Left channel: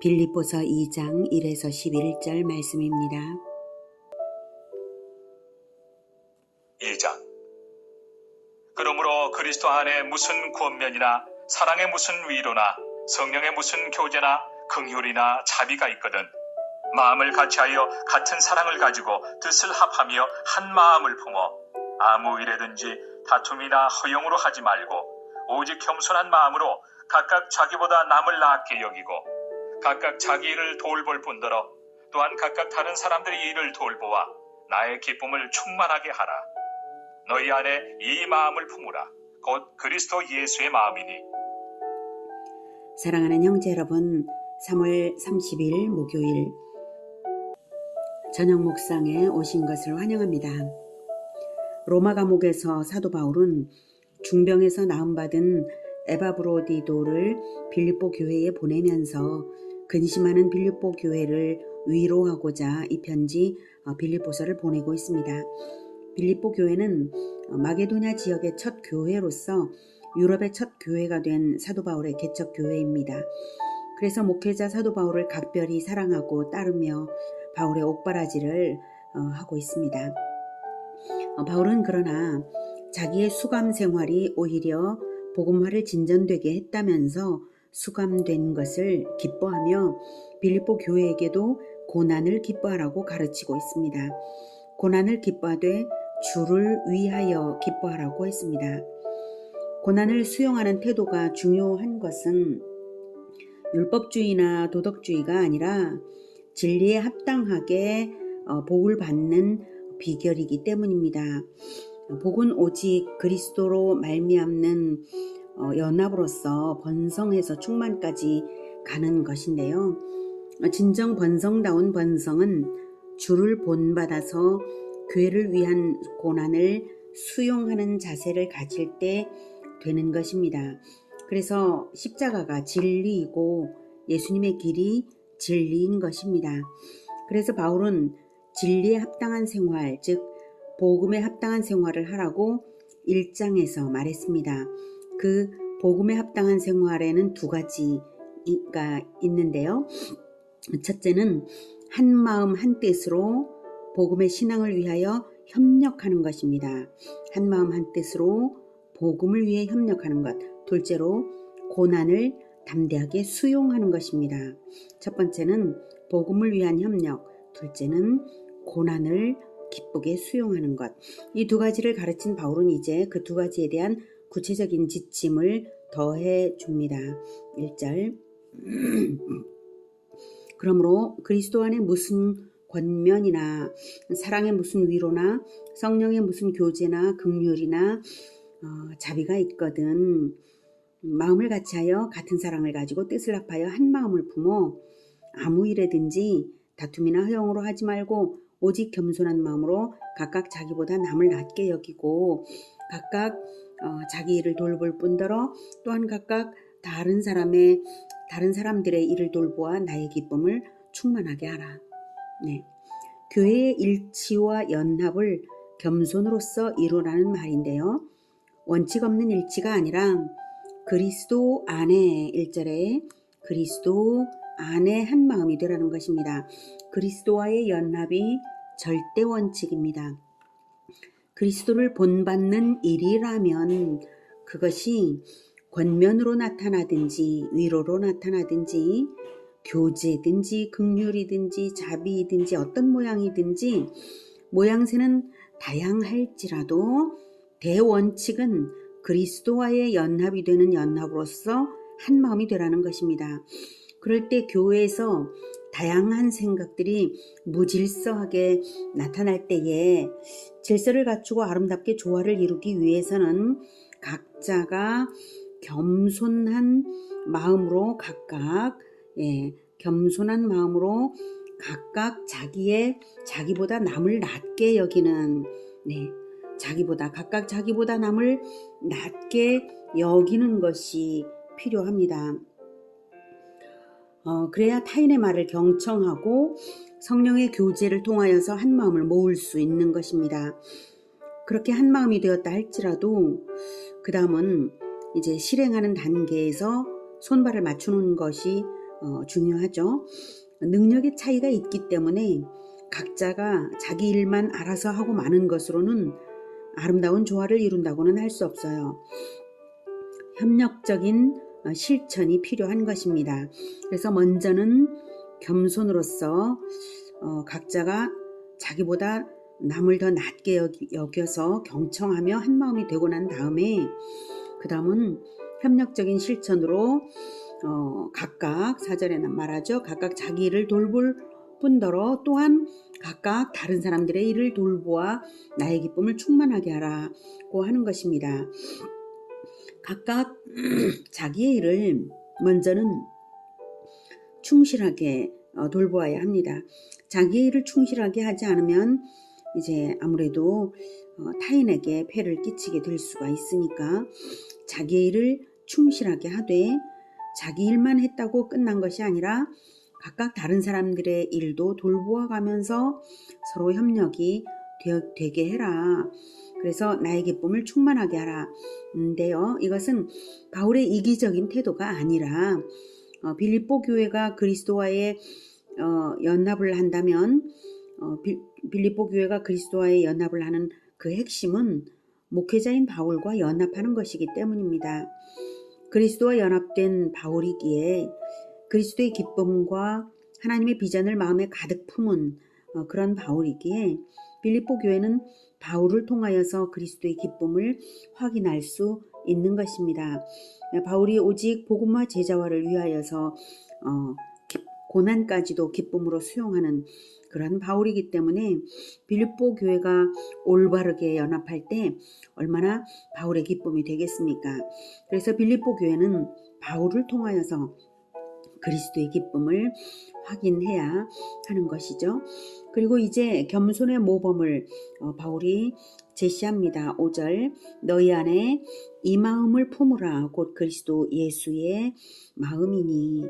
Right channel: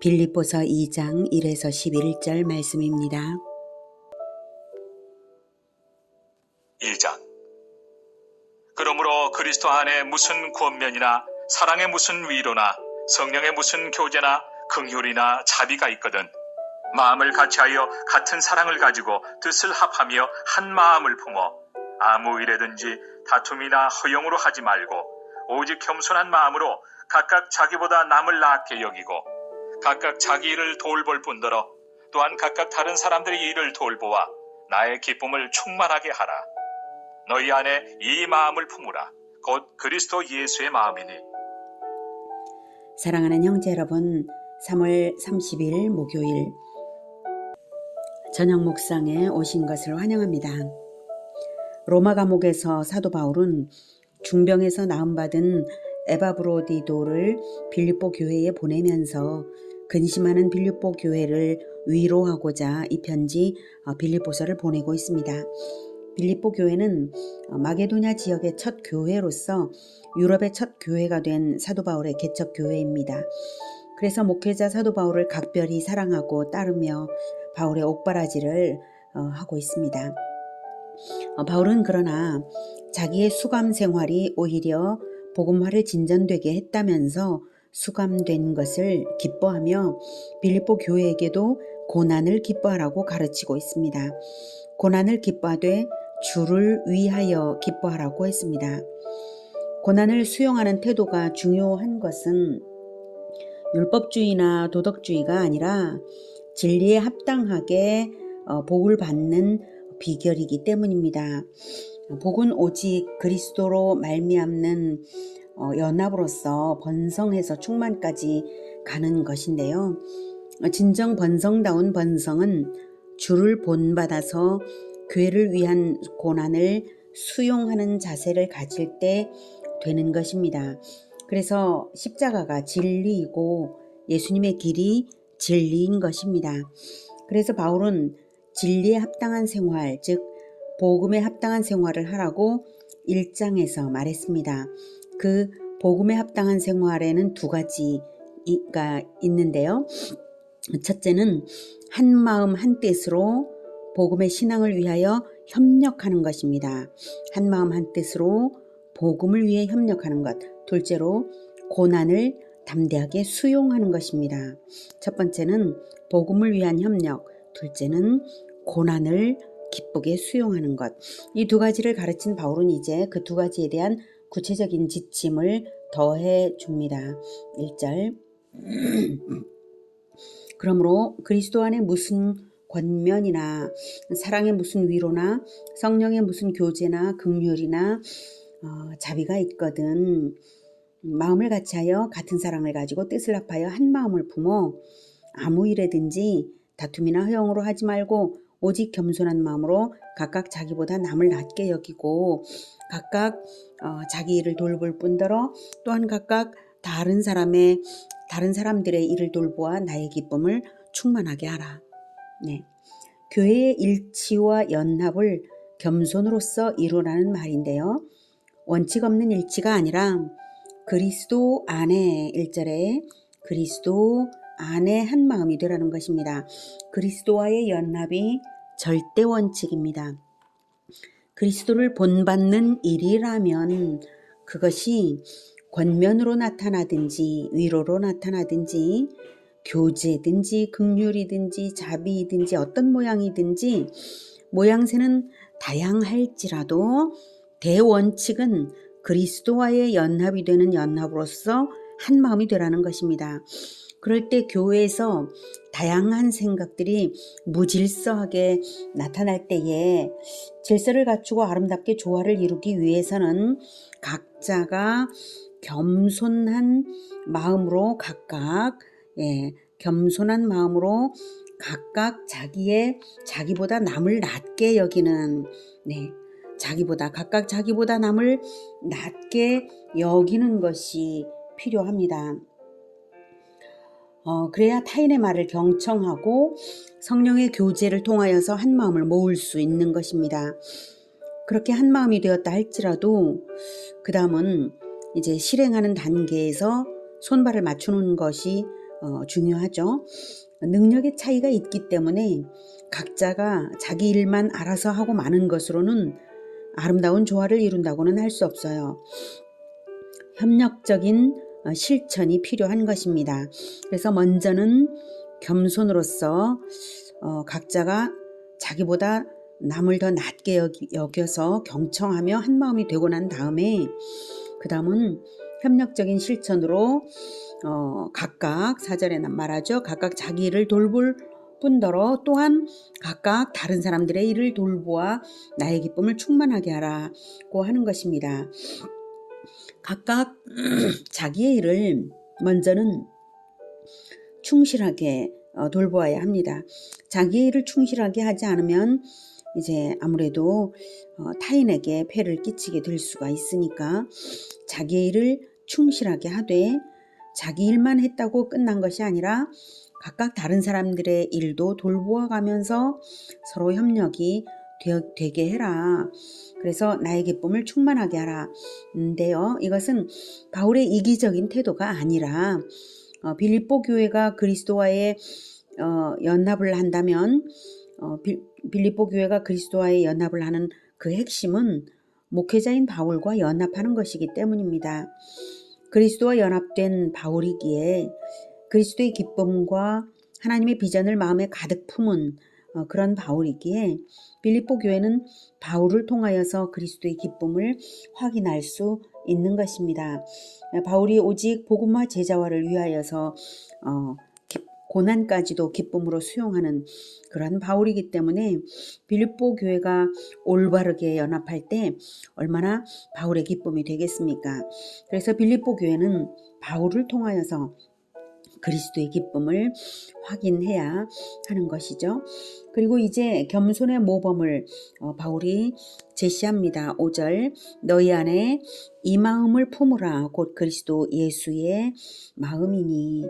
빌립보서 2장 1에서 11절 말씀입니다. 2장. 그러므로 그리스도 안에 무슨 권면이나 사랑의 무슨 위로나 성령의 무슨 교제나 긍휼이나 자비가 있거든 마음을 같이하여 같은 사랑을 가지고 뜻을 합하며 한 마음을 품어 아무 일에든지 다툼이나 허용으로 하지 말고 오직 겸손한 마음으로 각각 자기보다 남을 낫게 여기고 각각 자기 일을 돌볼 뿐더러 또한 각각 다른 사람들의 일을 돌보아 나의 기쁨을 충만하게 하라. 너희 안에 이 마음을 품으라. 곧 그리스도 예수의 마음이니. 사랑하는 형제 여러분, 3월 30일 목요일 저녁 묵상에 오신 것을 환영합니다. 로마 감옥에서 사도 바울은 중병에서 나음받은 에바브로디도를 빌립보 교회에 보내면서 근심하는 빌립보 교회를 위로하고자 이 편지 빌립보서를 보내고 있습니다. 빌립보 교회는 마게도냐 지역의 첫 교회로서 유럽의 첫 교회가 된 사도 바울의 개척 교회입니다. 그래서 목회자 사도 바울을 각별히 사랑하고 따르며 바울의 옥바라지를 하고 있습니다. 바울은 그러나 자기의 수감 생활이 오히려 복음화를 진전되게 했다면서 수감된 것을 기뻐하며 빌립보 교회에게도 고난을 기뻐하라고 가르치고 있습니다. 고난을 기뻐하되 주를 위하여 기뻐하라고 했습니다. 고난을 수용하는 태도가 중요한 것은 율법주의나 도덕주의가 아니라 진리에 합당하게 복을 받는 비결이기 때문입니다. 복은 오직 그리스도로 말미암는 연합으로서 번성해서 충만까지 가는 것인데요. 진정 번성다운 번성은 주를 본받아서 교회를 위한 고난을 수용하는 자세를 가질 때 되는 것입니다. 그래서 십자가가 진리이고 예수님의 길이 진리인 것입니다. 그래서 바울은 진리에 합당한 생활, 즉 복음에 합당한 생활을 하라고 1장에서 말했습니다. 그 복음에 합당한 생활에는 두 가지가 있는데요. 첫째는 한 마음 한 뜻으로 복음의 신앙을 위하여 협력하는 것입니다. 한 마음 한 뜻으로 복음을 위해 협력하는 것. 둘째로 고난을 담대하게 수용하는 것입니다. 첫 번째는 복음을 위한 협력, 둘째는 고난을 기쁘게 수용하는 것. 이 두 가지를 가르친 바울은 이제 그 두 가지에 대한 구체적인 지침을 더해 줍니다. 1절. 그러므로 그리스도 안에 무슨 권면이나 사랑의 무슨 위로나 성령의 무슨 교제나 긍휼이나 자비가 있거든 마음을 같이하여 같은 사랑을 가지고 뜻을 합하여 한 마음을 품어 아무 일에든지 다툼이나 허용으로 하지 말고 오직 겸손한 마음으로 각각 자기보다 남을 낮게 여기고 각각 자기 일을 돌볼 뿐더러 또한 각각 다른 사람들의 일을 돌보아 나의 기쁨을 충만하게 하라. 네. 교회의 일치와 연합을 겸손으로서 이루라는 말인데요. 원칙 없는 일치가 아니라 그리스도 안에 1절에 그리스도 안에 한 마음이 되라는 것입니다. 그리스도와의 연합이 절대 원칙입니다. 그리스도를 본받는 일이라면 그것이 권면으로 나타나든지 위로로 나타나든지 교제든지 긍휼이든지 자비이든지 어떤 모양이든지 모양새는 다양할지라도 대원칙은 그리스도와의 연합이 되는 연합으로서 한 마음이 되라는 것입니다. 그럴 때 교회에서 다양한 생각들이 무질서하게 나타날 때에 질서를 갖추고 아름답게 조화를 이루기 위해서는 각자가 겸손한 마음으로 각각 겸손한 마음으로 각각 자기보다 남을 낮게 여기는 각각 자기보다 남을 낮게 여기는 것이 필요합니다. 그래야 타인의 말을 경청하고 성령의 교제를 통하여서 한 마음을 모을 수 있는 것입니다. 그렇게 한 마음이 되었다 할지라도 그 다음은 이제 실행하는 단계에서 손발을 맞추는 것이 중요하죠. 능력의 차이가 있기 때문에 각자가 자기 일만 알아서 하고 마는 것으로는 아름다운 조화를 이룬다고는 할 수 없어요. 협력적인 실천이 필요한 것입니다. 그래서 먼저는 겸손으로서 각자가 자기보다 남을 더 낮게 여겨서 경청하며 한마음이 되고 난 다음에 그 다음은 협력적인 실천으로 각각 사절에는 말하죠. 각각 자기 일을 돌볼 뿐더러 또한 각각 다른 사람들의 일을 돌보아 나의 기쁨을 충만하게 하라고 하는 것입니다. 각각 자기의 일을 먼저는 충실하게 돌보아야 합니다. 자기의 일을 충실하게 하지 않으면 이제 아무래도 타인에게 폐를 끼치게 될 수가 있으니까 자기의 일을 충실하게 하되 자기 일만 했다고 끝난 것이 아니라 각각 다른 사람들의 일도 돌보아 가면서 서로 협력이 되게 해라. 그래서 나의 기쁨을 충만하게 하라. 인데요, 이것은 바울의 이기적인 태도가 아니라 빌립보 교회가 그리스도와의 연합을 한다면 빌립보 교회가 그리스도와의 연합을 하는 그 핵심은 목회자인 바울과 연합하는 것이기 때문입니다. 그리스도와 연합된 바울이기에 그리스도의 기쁨과 하나님의 비전을 마음에 가득 품은 그런 바울이기에 빌립보 교회는 바울을 통하여서 그리스도의 기쁨을 확인할 수 있는 것입니다. 바울이 오직 복음화 제자화를 위하여서 고난까지도 기쁨으로 수용하는 그러한 바울이기 때문에 빌립보 교회가 올바르게 연합할 때 얼마나 바울의 기쁨이 되겠습니까? 그래서 빌립보 교회는 바울을 통하여서 그리스도의 기쁨을 확인해야 하는 것이죠. 그리고 이제 겸손의 모범을 바울이 제시합니다. 5절 너희 안에 이 마음을 품으라 곧 그리스도 예수의 마음이니.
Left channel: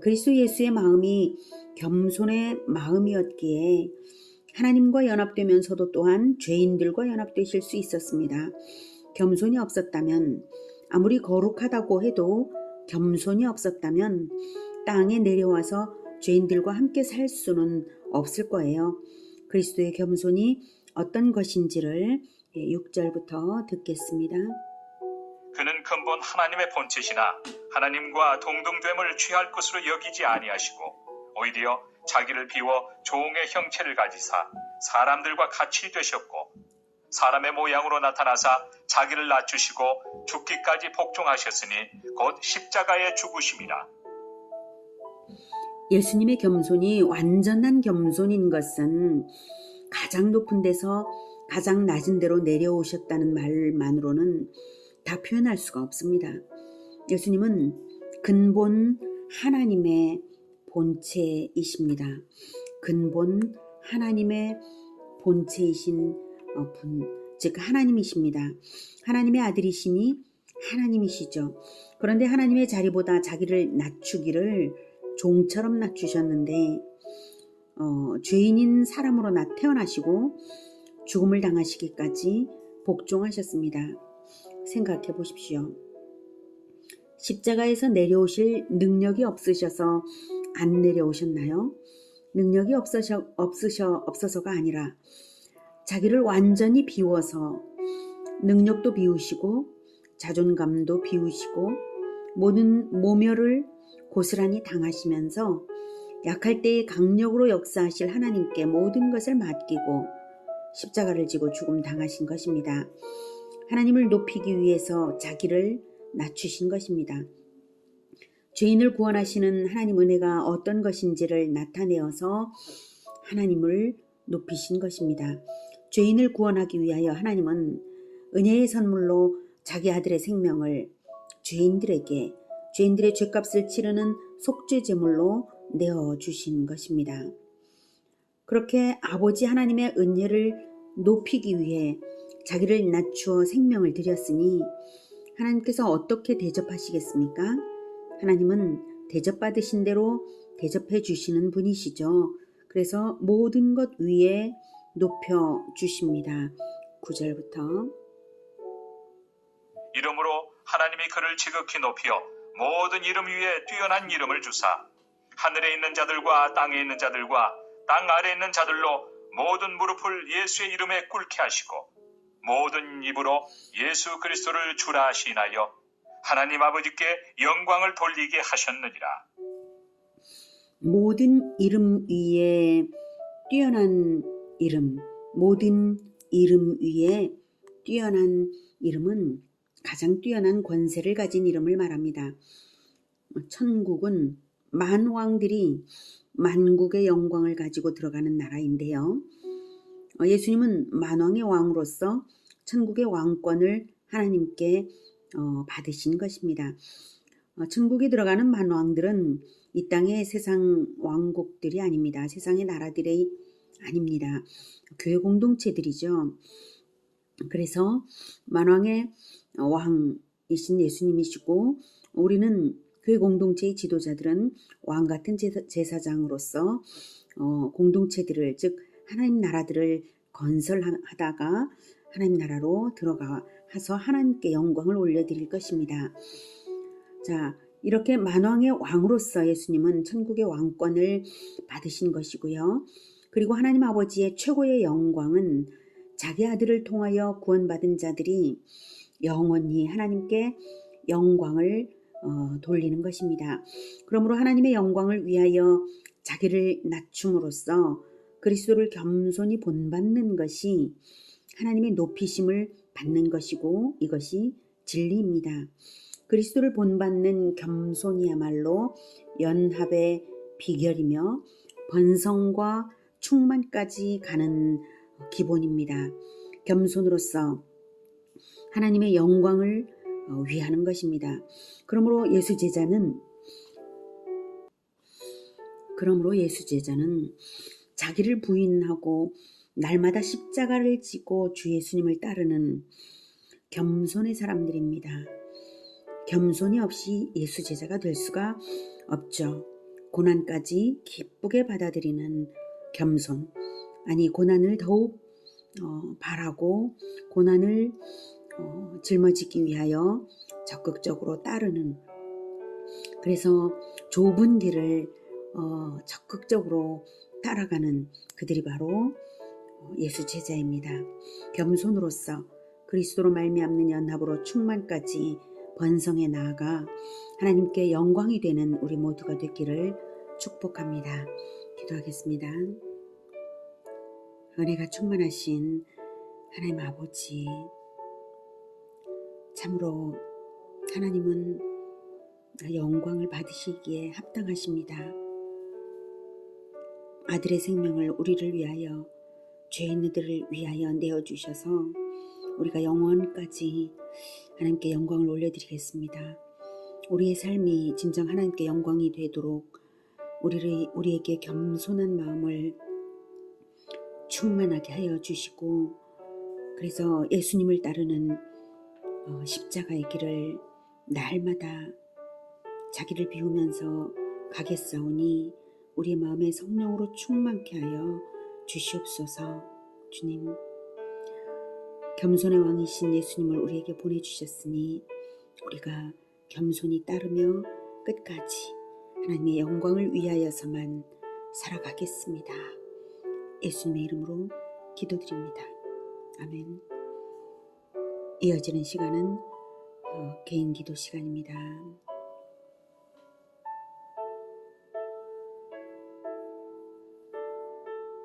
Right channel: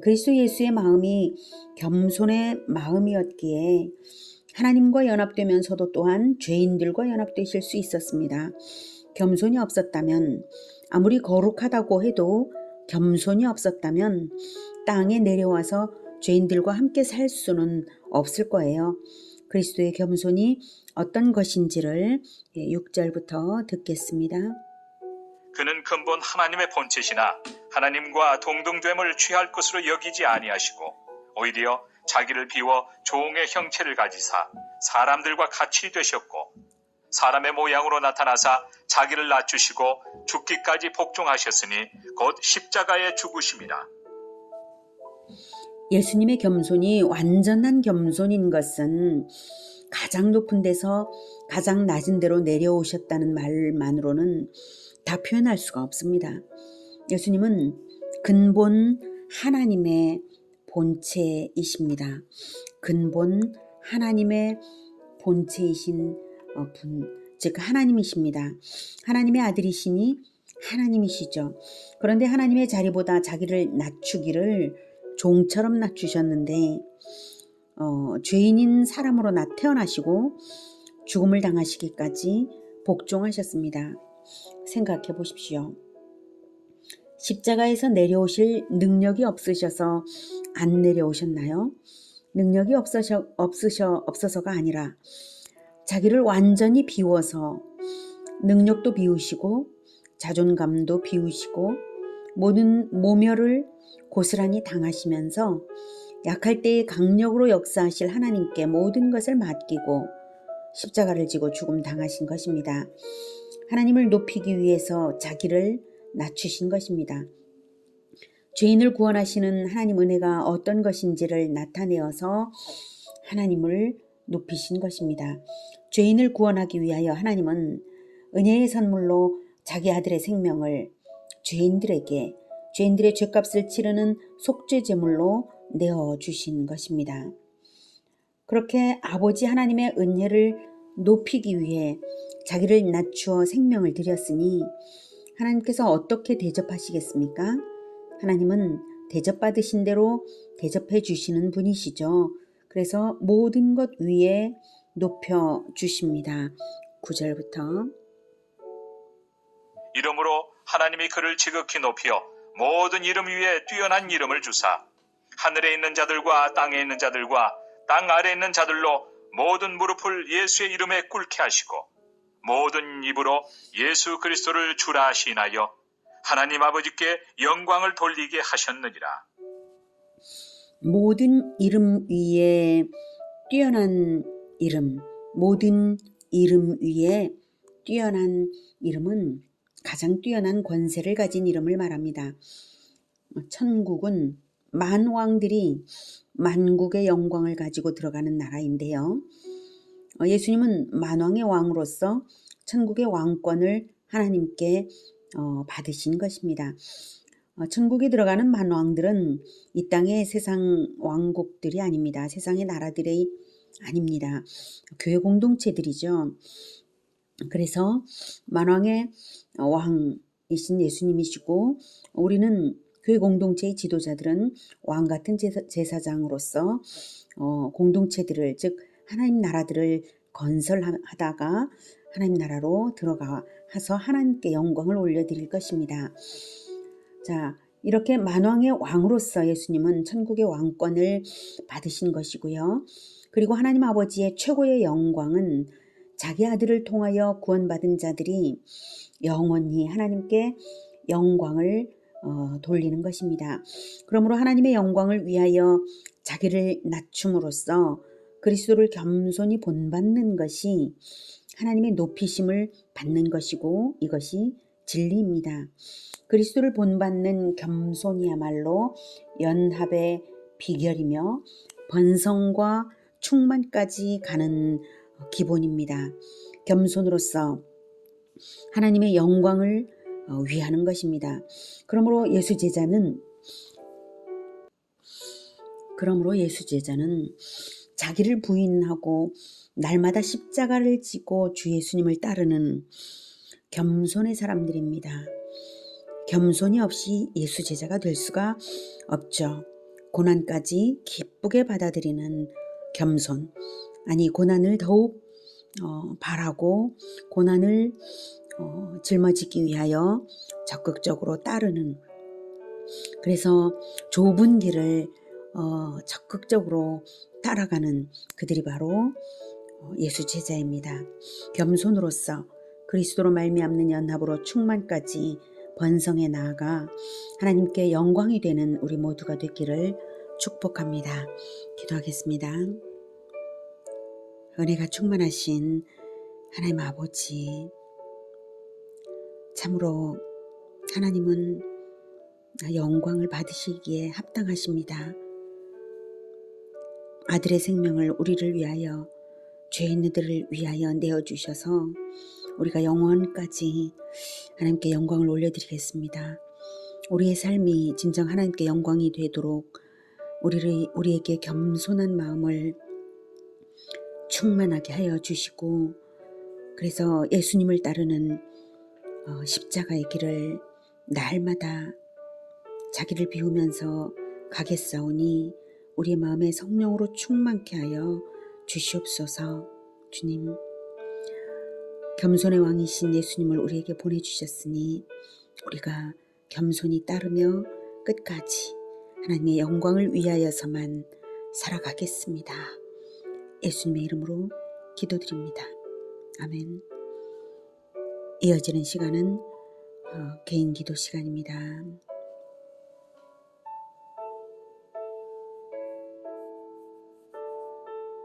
그리스도 예수의 마음이 겸손의 마음이었기에 하나님과 연합되면서도 또한 죄인들과 연합되실 수 있었습니다. 겸손이 없었다면 아무리 거룩하다고 해도 겸손이 없었다면 땅에 내려와서 죄인들과 함께 살 수는 없을 거예요. 그리스도의 겸손이 어떤 것인지를 6절부터 듣겠습니다. 그는 근본 하나님의 본체시나 하나님과 동등됨을 취할 것으로 여기지 아니하시고 오히려 자기를 비워 종의 형체를 가지사 사람들과 같이 되셨고 사람의 모양으로 나타나사 자기를 낮추시고 죽기까지 복종하셨으니 곧 십자가에 죽으심이라. 예수님의 겸손이 완전한 겸손인 것은 가장 높은 데서 가장 낮은 데로 내려오셨다는 말만으로는 다 표현할 수가 없습니다. 예수님은 근본 하나님의 본체이십니다. 근본 하나님의 본체이신 분, 즉 하나님이십니다. 하나님의 아들이시니 하나님이시죠. 그런데 하나님의 자리보다 자기를 낮추기를 종처럼 낮추셨는데 죄인인 사람으로 태어나시고 죽음을 당하시기까지 복종하셨습니다. 생각해 보십시오. 십자가에서 내려오실 능력이 없으셔서 안 내려오셨나요? 능력이 없어서가 아니라 자기를 완전히 비워서 능력도 비우시고 자존감도 비우시고 모든 모멸을 고스란히 당하시면서 약할 때에 강력으로 역사하실 하나님께 모든 것을 맡기고 십자가를 지고 죽음 당하신 것입니다. 하나님을 높이기 위해서 자기를 낮추신 것입니다. 죄인을 구원하시는 하나님 은혜가 어떤 것인지를 나타내어서 하나님을 높이신 것입니다. 죄인을 구원하기 위하여 하나님은 은혜의 선물로 자기 아들의 생명을 죄인들에게 죄인들의 죄값을 치르는 속죄 제물로 내어주신 것입니다. 그렇게 아버지 하나님의 은혜를 높이기 위해 자기를 낮추어 생명을 드렸으니 하나님께서 어떻게 대접하시겠습니까? 하나님은 대접받으신 대로 대접해 주시는 분이시죠. 그래서 모든 것 위에 높여 주십니다. 9절부터 이러므로 하나님이 그를 지극히 높여 모든 이름 위에 뛰어난 이름을 주사 하늘에 있는 자들과 땅에 있는 자들과 땅 아래에 있는 자들로 모든 무릎을 예수의 이름에 꿇게 하시고 모든 입으로 예수 그리스도를 주라 시인하여 하나님 아버지께 영광을 돌리게 하셨느니라. 모든 이름 위에 뛰어난 이름, 모든 이름 위에 뛰어난 이름은 가장 뛰어난 권세를 가진 이름을 말합니다. 천국은 만왕들이 만국의 영광을 가지고 들어가는 나라인데요. 예수님은 만왕의 왕으로서 천국의 왕권을 하나님께 받으신 것입니다. 천국에 들어가는 만왕들은 이 땅의 세상 왕국들이 아닙니다. 세상의 나라들이 아닙니다. 교회 공동체들이죠. 그래서 만왕의 왕이신 예수님이시고 우리는 교회 공동체의 지도자들은 왕 같은 제사장으로서 공동체들을 즉 하나님 나라들을 건설하다가 하나님 나라로 들어가서 하나님께 영광을 올려드릴 것입니다. 자, 이렇게 만왕의 왕으로서 예수님은 천국의 왕권을 받으신 것이고요. 그리고 하나님 아버지의 최고의 영광은 자기 아들을 통하여 구원받은 자들이 영원히 하나님께 영광을 돌리는 것입니다. 그러므로 하나님의 영광을 위하여 자기를 낮춤으로써 그리스도를 겸손히 본받는 것이 하나님의 높이심을 받는 것이고 이것이 진리입니다. 그리스도를 본받는 겸손이야말로 연합의 비결이며 번성과 충만까지 가는 기본입니다. 겸손으로서 하나님의 영광을 위하는 것입니다. 그러므로 예수 제자는 자기를 부인하고 날마다 십자가를 지고 주 예수님을 따르는 겸손의 사람들입니다. 겸손이 없이 예수 제자가 될 수가 없죠. 고난까지 기쁘게 받아들이는 겸손. 아니 고난을 더욱 바라고 고난을 짊어지기 위하여 적극적으로 따르는 그래서 좁은 길을 적극적으로 따라가는 그들이 바로 예수 제자입니다. 겸손으로서 그리스도로 말미암는 연합으로 충만까지 번성해 나아가 하나님께 영광이 되는 우리 모두가 되기를 축복합니다. 기도하겠습니다. 은혜가 충만하신 하나님 아버지, 참으로 하나님은 영광을 받으시기에 합당하십니다. 아들의 생명을 우리를 위하여 죄 있는 이들을 위하여 내어주셔서 우리가 영원까지 하나님께 영광을 올려드리겠습니다. 우리의 삶이 진정 하나님께 영광이 되도록 우리에게 겸손한 마음을 충만하게 하여 주시고 그래서 예수님을 따르는 십자가의 길을 날마다 자기를 비우면서 가겠사오니 우리의 마음에 성령으로 충만케 하여 주시옵소서. 주님, 겸손의 왕이신 예수님을 우리에게 보내주셨으니 우리가 겸손히 따르며 끝까지 하나님의 영광을 위하여서만 살아가겠습니다. 예수님의 이름으로 기도드립니다. 아멘. 이어지는 시간은 개인 기도 시간입니다.